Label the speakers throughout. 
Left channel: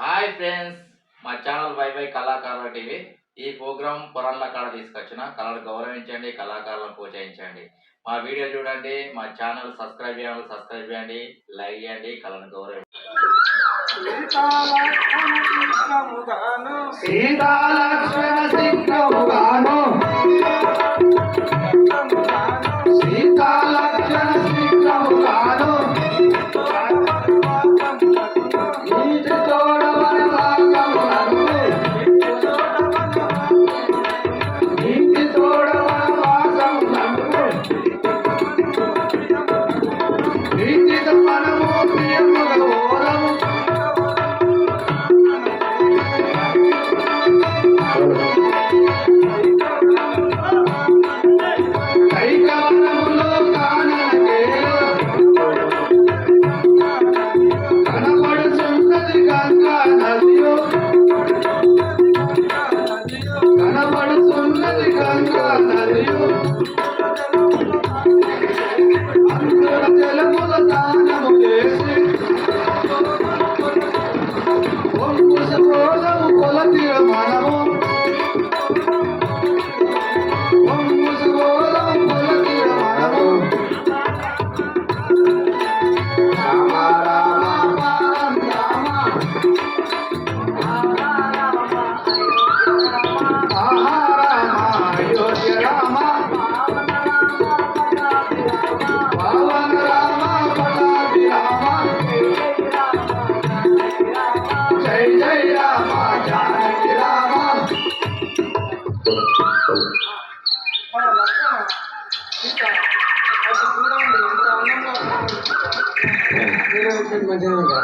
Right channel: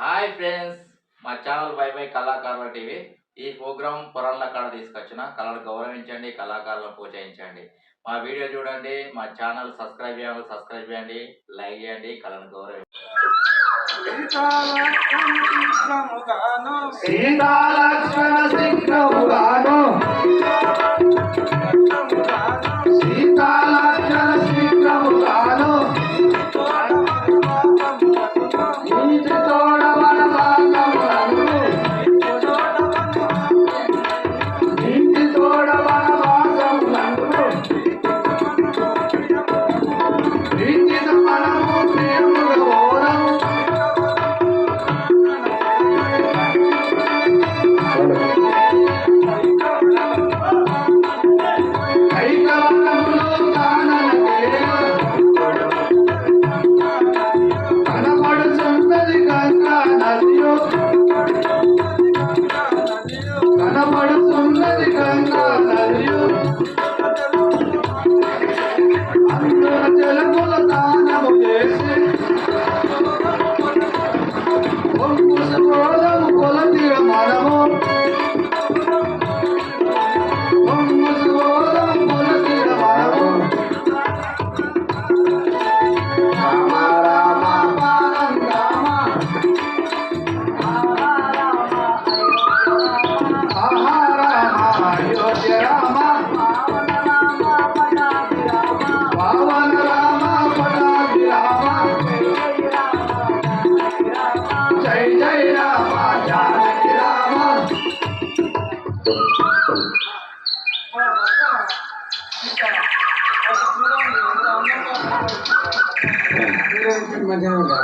Speaker 1: Hi friends మా channel బై బై కళాకారుల టీవీ ఈ ప్రోగ్రాం పురాణల కళ తీసుకొచ్చిన. కళలు గౌరవించండి కళాకారులను ప్రోత్సహించండి. మా వీడియో చూడండి మా ఛానల్ సబ్స్క్రైబ్ చేయండి సబ్స్క్రైబ్ చేయండి లైక్ చేయండి కళను గౌరవించండి.
Speaker 2: సీతాలక్ష్మణ సీతాలక్ష్మణ ganga.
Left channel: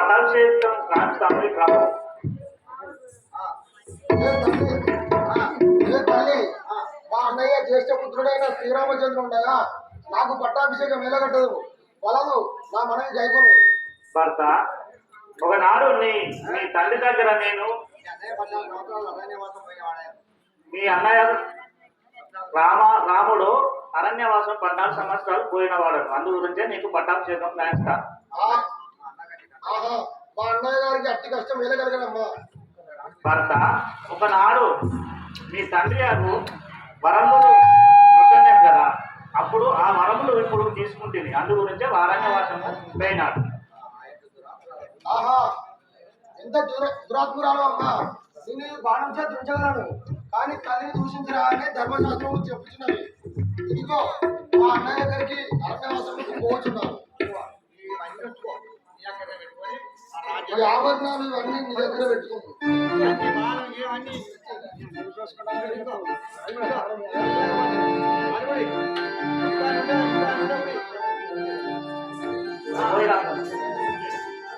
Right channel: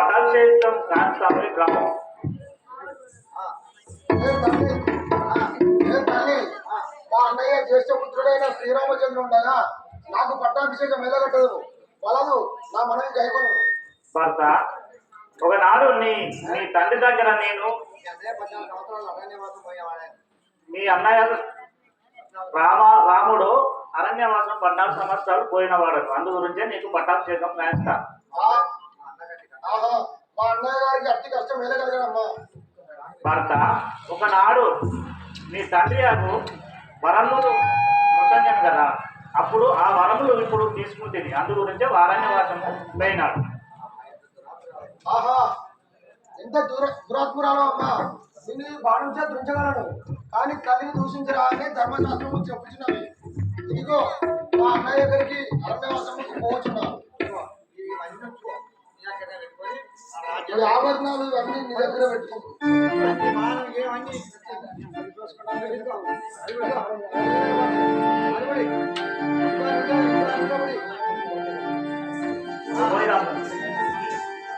Speaker 2: క్రమం
Speaker 3: ఏ తల్లి? ఏ తల్లి? మా అన్నయ్య జ్యేష్ఠ పుత్రుడైన శ్రీరామచంద్రుడు ఉండగా నాకు పట్టాభిషేకం వెలగట్టదు. వలదు నా మనవి గైకొను
Speaker 2: భర్త ఒకనాడు నీ నీ తండ్రి దగ్గర నేను మీ అన్నయ్య రామ రాముడు అరణ్యవాసం పద్నాలుగు సంవత్సరాలు పోయినవాడు. అందు గురించే నీకు పట్టాభిషేకం నేస్తా
Speaker 3: ఆ- ఆహా మా అన్నయ్య గారికి అట్టి కష్టం వెలగలగడమ్మా
Speaker 2: భర్త ఒకనాడు మీ తండ్రి గారు వరములు ముసంజను కదా అప్పుడు ఆ వరములు ఇప్పుడు తీసుకుంటుంది అందు గురించే అరణ్యవాసము పోయినాడు.
Speaker 3: ఆహా ఎంత దూర దురాత్మురాలు అమ్మా. దీన్ని బాణం చేతి ఉంచగలను కానీ తల్లిని దూషించరా అని ధర్మశాస్త్రం చెప్పుచున్నవి ఇదిగో మా అన్నయ్య గారికి అరణ్యవాసముకు పోవచ్చున్నాను. ఈ ఆభరణాలు ఇవన్నీ నీ దగ్గర.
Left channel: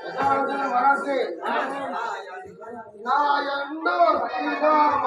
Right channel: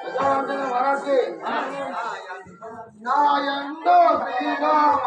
Speaker 3: ప్రజారంజన మరాఠీ నాయండు శ్రీరామ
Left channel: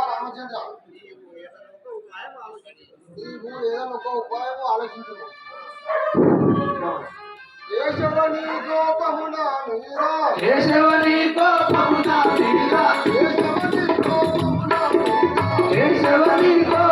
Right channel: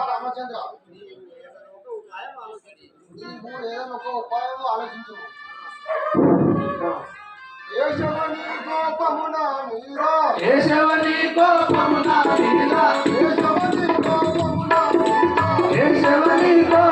Speaker 4: రామచంద్ర నీవు ఏదైనా ఒక ఉపాయం ఆలోచించు కేశవని కోపమున నీరా
Speaker 2: కేశవని కోపమున నీరా
Speaker 4: కేశవని కోపమున నీరా.
Speaker 2: కేశవని కోపమున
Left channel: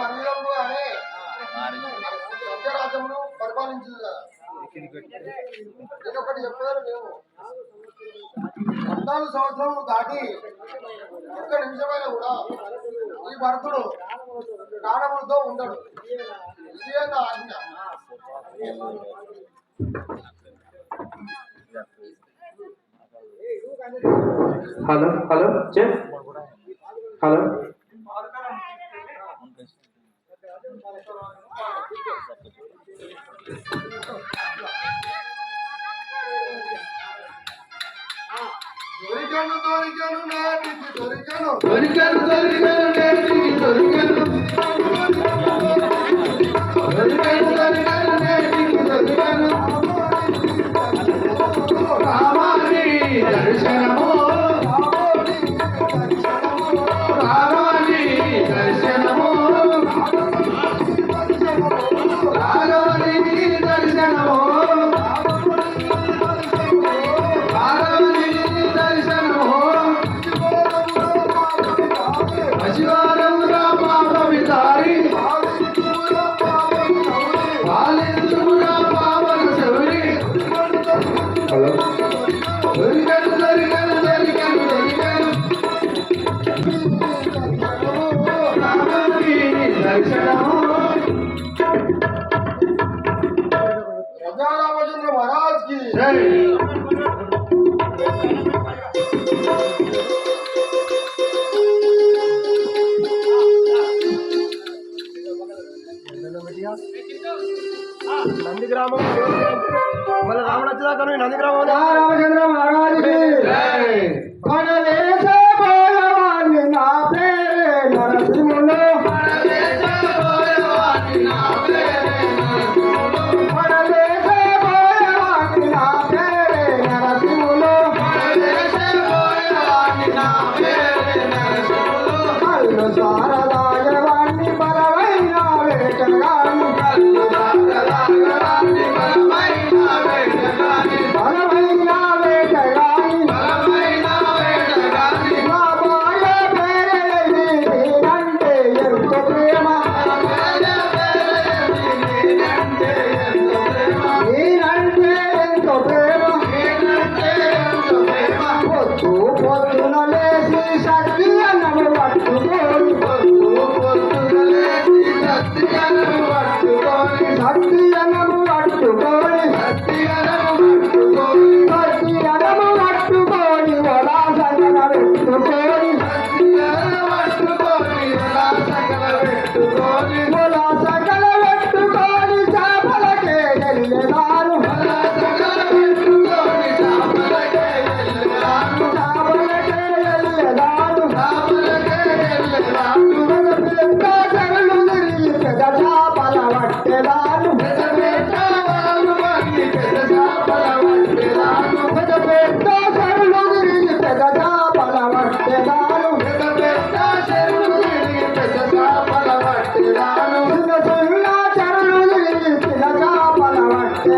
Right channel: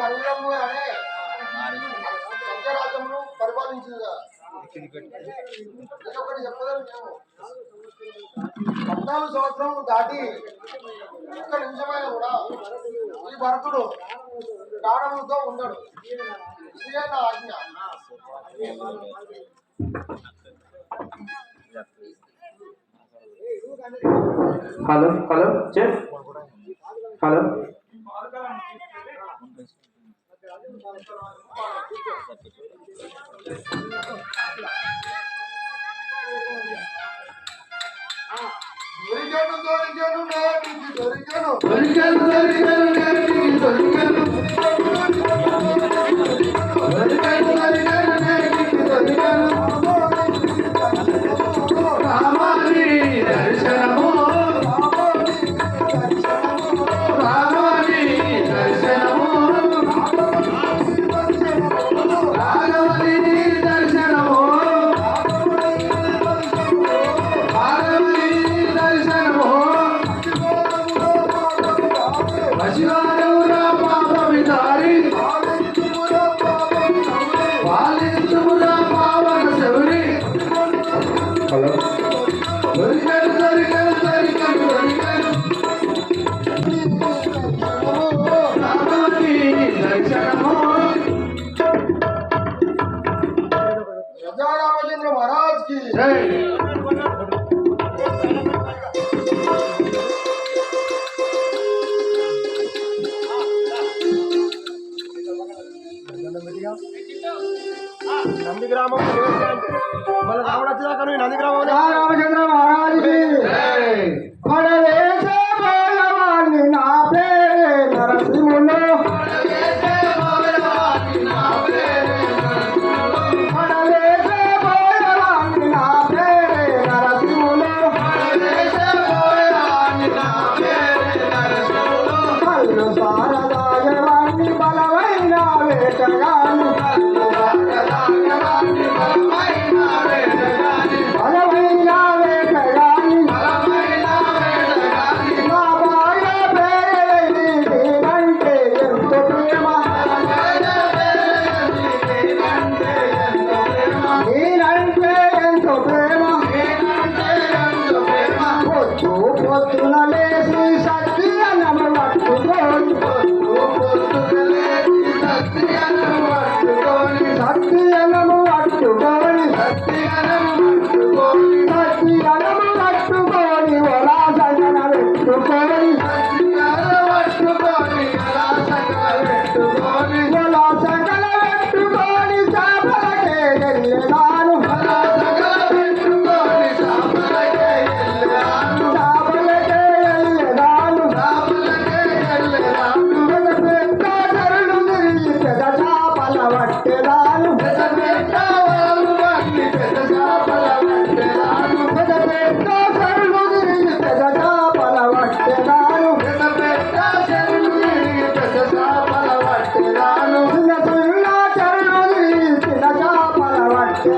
Speaker 4: అనురంగు రాజ్యమును పరిపాలించింది కదా. పద్నాలుగు దాటి ఒక్క నిమిషమైనా కూడా ఈ భరతుడు ప్రాణములతో ఉండడు. ఆజ్ఞ?
Speaker 3: హలో హలో చెప్. హలో.
Speaker 5: ഒരിക്കലും
Speaker 2: തോൽക്കാനും തോൽക്കാനും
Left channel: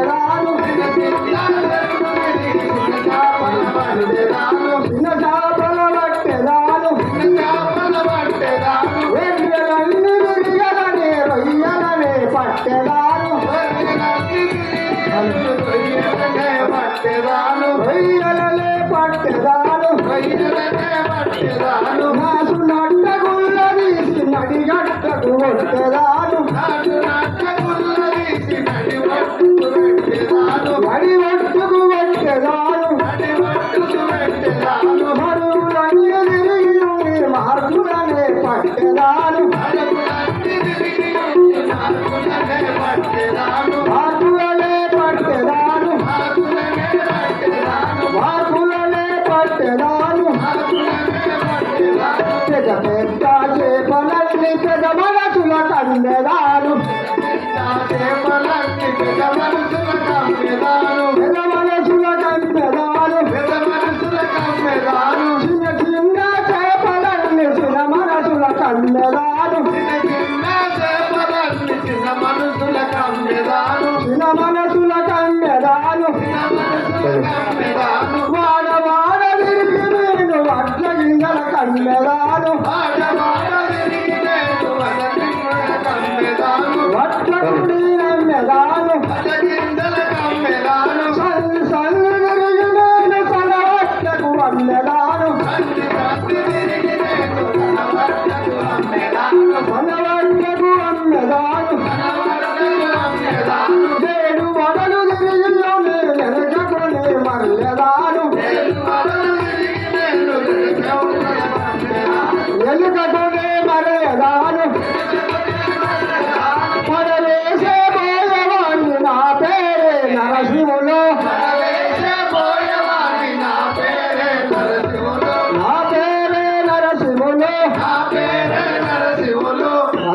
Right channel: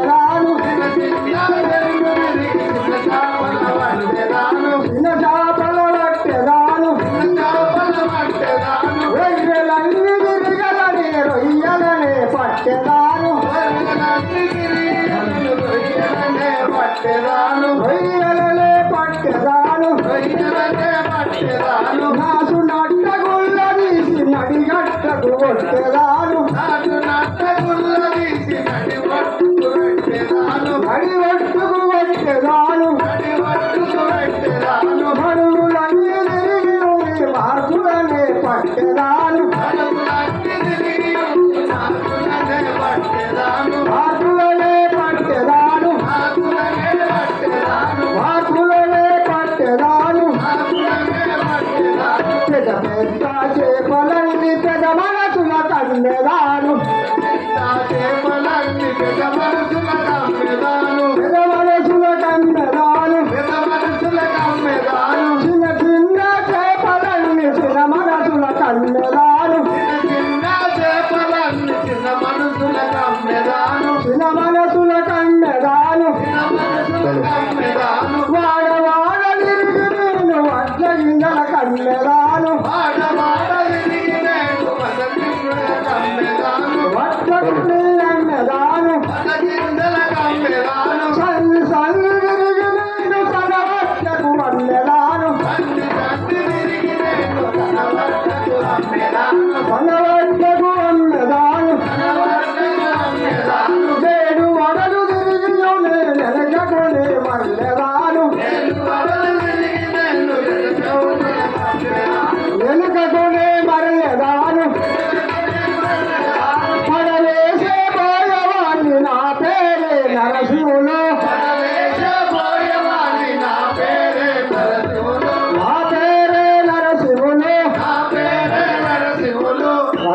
Speaker 2: آرو
Speaker 5: به سينيار ڪريو
Speaker 2: Salam.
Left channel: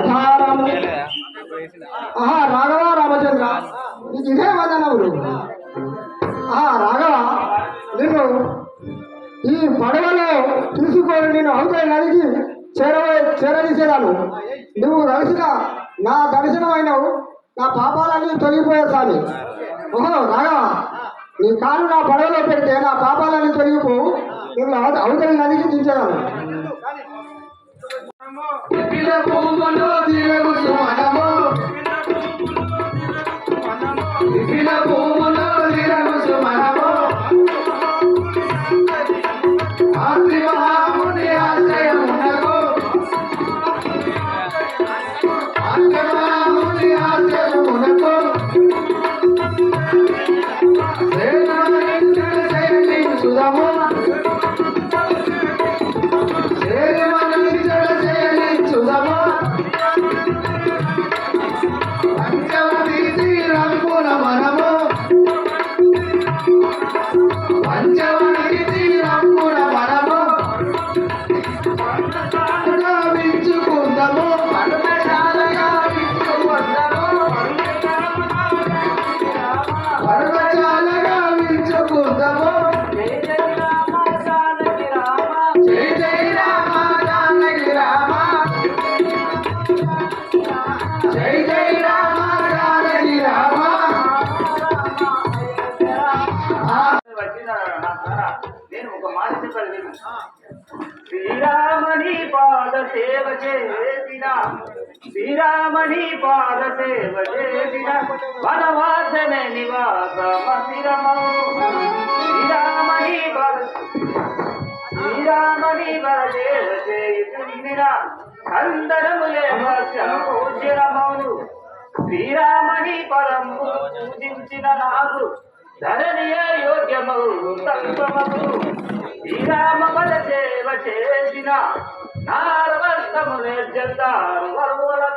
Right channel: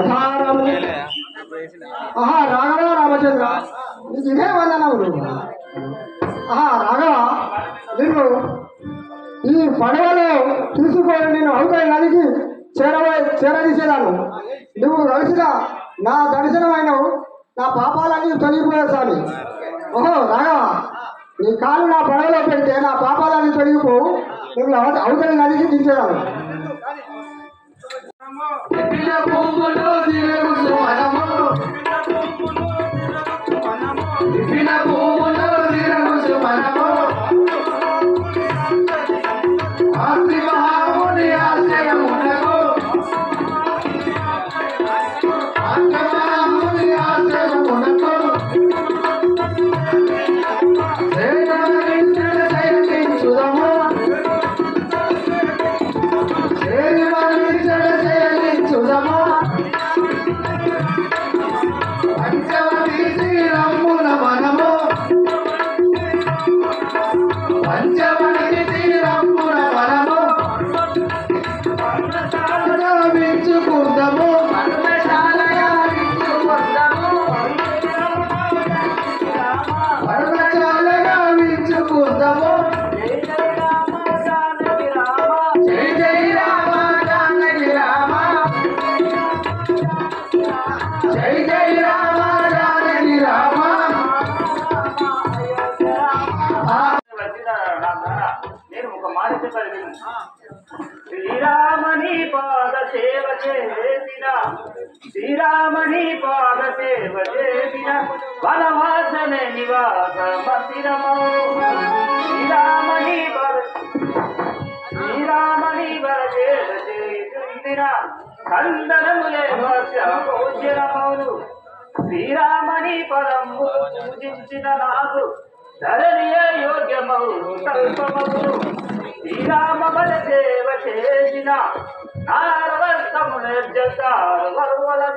Speaker 2: రాధారాము రాఘవ రామచంద్ర. నీకు ఇదే వందనములు రాఘవ నిన్ను ఈ పడవలో తీసుకొని నేను అవుతాయి నదికి చేరవే చేరదీసేదాను నువ్వు కలిసిన నా దర్శనమైనవు. నా పాపాలన్నీ తొలగిపోయే సామి ఓహో రాఘవ నీ కాలు నా పడవలో పెడితే నా పాపాలన్నీ తొలగిపోవు నువ్వు అవతలి నదికి దించేదాను
Speaker 6: చేసిన శ్రీరామని పాద సేవ చేసిన వనవాసన నివాస మందిరమౌ. శ్రీరామని శ్రీరామని వర సేవ చేసిన కందరములే భక్ష్యమౌను శ్రీరామని పరం పూజించిన నాకు ధరణియ యోగ్యమౌ కల్పమౌ శ్రీరామ పద సేవ చేసిన నా ఈ వనంలో కదా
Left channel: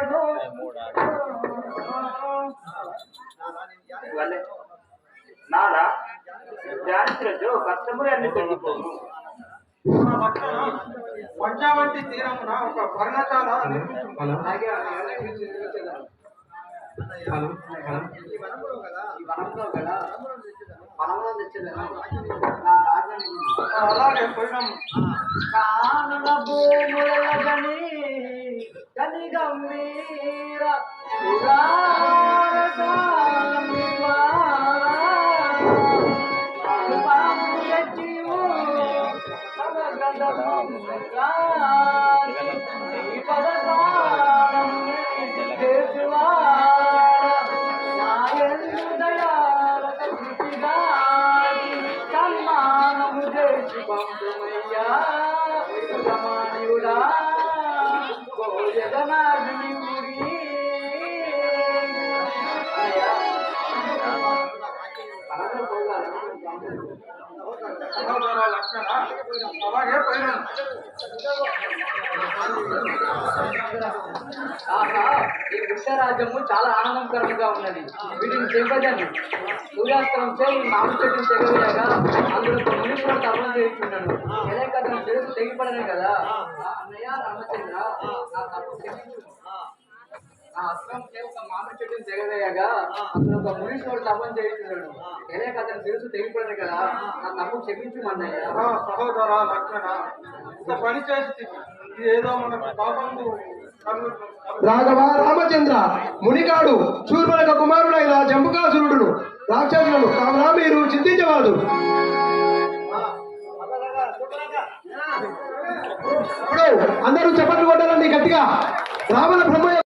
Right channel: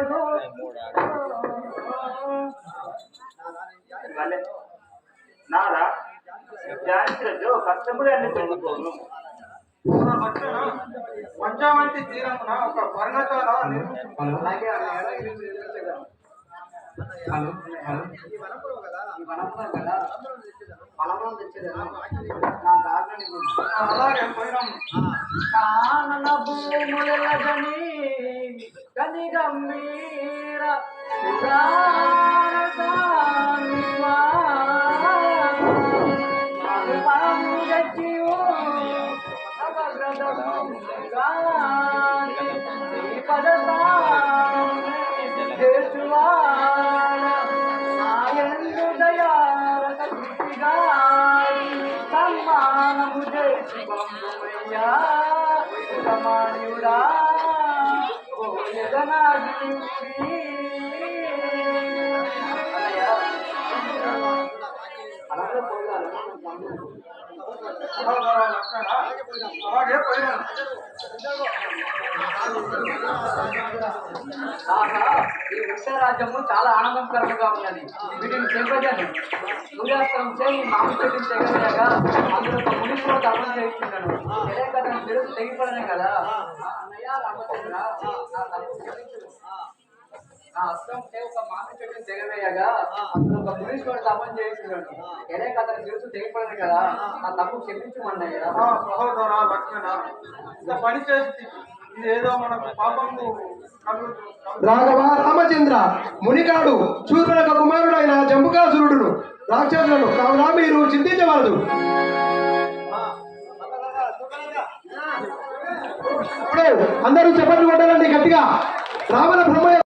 Speaker 6: పొలంలో తెచ్చేదాన్ని నాకు ఆజ్ఞని
Speaker 7: అలాగే పోయినాము
Speaker 8: కానన భూములని కని పురాణసామివా. పాము గచ్చియు సర్వగ్రంథము కాని శ్రీపద స్వామి ఈ వృక్షరాజ్యము చాలా ఆనందకరంగా ఉన్నది. వీటిని చెప్పదని సూర్యాస్త్రం చేయి మామిడి తెగలేగా అందులో ఒక మునిలో తపన చేస్తున్నాను తెలియక తెలుసు తెగిపడనే కదా అన్నయ్య రామచంద్ర నా తప్పు క్షమించు. ఆ అస్త్రం చే ఒక మామిడి చెట్టుని తెగవేయగా అందులో ఒక మునీశ్వరుడు తపన చేస్తున్నాడు ఎలే కదా తెలుసు తెగిపడనే కదా. నా తప్పు క్షమించు అన్నయ్య
Speaker 7: ఆ సహోదర లక్షణ ఇంత పని చేసి ఇదేదో మనకు పాపము కలుగు
Speaker 9: రాఘవ రామచంద్ర మునిగాడు శూర్పణక కుమారుడైన జంబుకాసురుడును రాక్షసులను కావున మీరు చింతించవలదు. ఇప్పుడు అందరూ చెప్పట్లు కొట్టాలండి గట్టిగా. రావణ బ్రహ్మ